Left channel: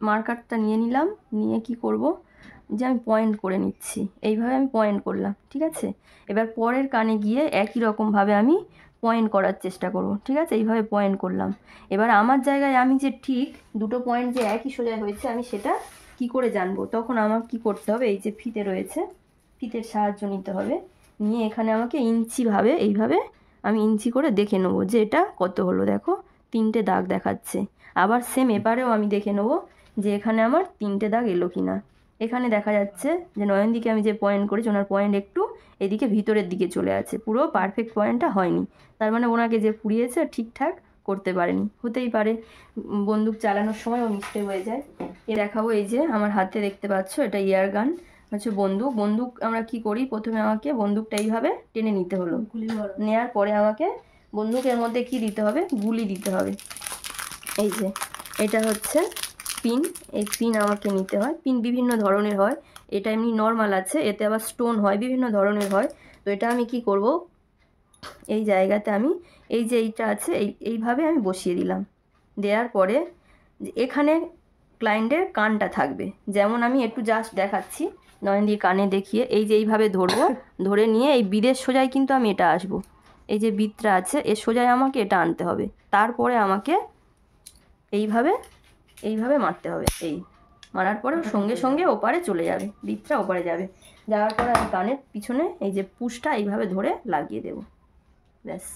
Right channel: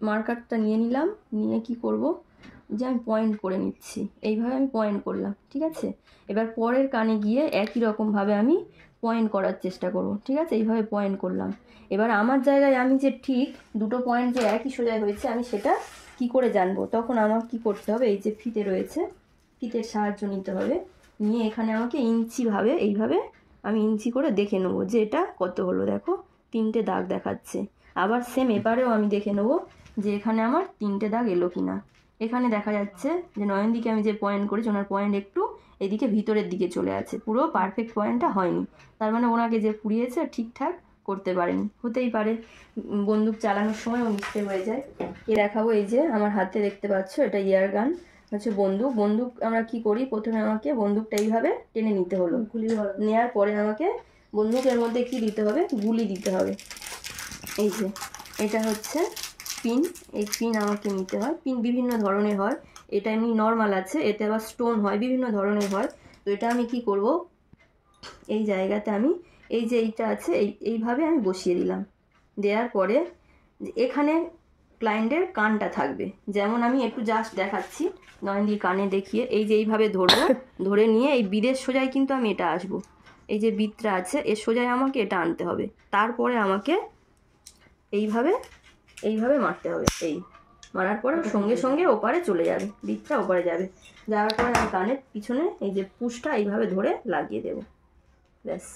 মার্কারটা নিয়ে নিলাম, নিয়ে কি করব যে আমি পয়েন্ট করে নিচ্ছি, এইভাবে আমি পয়েন্ট করলাম, ঠিক আছে। এবার পরের কানে গিয়ে একই রকমভাবে আমি পয়েন্ট করার চেষ্টা করব, ঠিক আছে। এইভাবে পয়েন্ট করলাম। এবার আমার জায়গায় আমি যে ঠিক দুটো পয়েন্ট যে একই সোজা হয়েছে আমি সেটা কি করে জানবো, তখন আমার কি করতে হবে, এই যে ফিতে রয়েছে, ফিতের সাহায্য নিতে হবে। নিয়ে এখানে আমাকে ইঞ্চিভাবে এইভাবে আমি ইঞ্চি করে দেখে নেবো যে এটা কত হলো। দেখো 3টে দাগ দেখাচ্ছে। আবার সেম এবারেও আমি দেখে নেবো যে এখানে আমার 3টে দাগ এলো কি না। এখানে দেখা যাচ্ছে যে নয়নদিকে আমি যে পয়েন্ট করেছি ওনার পয়েন্ট একটু এদিকে ভিতরের দিকে চলে আছে, পুরো পারফেক্ট পয়েন্টটা হয়নি। তার মানে ওনাকে যে পুড়িয়েছে ঠিকঠাক করতে পারেনি, হতেই পারে বন্দুক চালানোর সময়ও মিস্টেক হয়ে যায়। এ দেখাবো, এই যে আমার হাতে দেখতে পাচ্ছ এটা ইয়ার গান হচ্ছে বন্দুক। বন্দুক আমরা কি করি, প্রথমে আমাকে বন্দুকটা এইভাবে টেনে নিতে হলো, নেওয়ার পরে আমাকে বন্দুকের মধ্যে কি দিতে হবে, গুলি দিতে হবে। এই যে এটা হচ্ছে পিন, এই পিন আমাকে নিতে হয়। পিন বিভিন্ন ধরনের হয়, এটা এমনি নর্মাল আছে, এতে আবার স্টোন হয়, বিভিন্ন ধরনের হয়। তো এটা আমি কি করব, এই জায়গাতে আমি এই যে এইটা আছে এইভাবে আমি বসিয়ে দিলাম। দেওয়ার পরে এখানে ক্লায়েন্টের কানটা থাকবে, যেমন আমি একটু জাস্ট দেখাচ্ছি নয়নদির কানে দেখিয়ে, এই যে এইভাবে ধরবো, ধরে নিয়ে এই বিদের সোজায় কিন্তু আমি এটা আসবো, এই যে বিদটা আছে এর সোজায় আমাকে এটা আনতে হবে। তারপরে আমাকে এইভাবে এইভাবে মারতে হবে, এই মারার পরে সঙ্গে সঙ্গে ওপারে চলে যাবে, বিদটা ওপারে যাবে। যাওয়ার পরে আমি কানের পিছনে এই যে পুশটা এইভাবে ধরে লাগিয়ে দেবো, ব্যাস।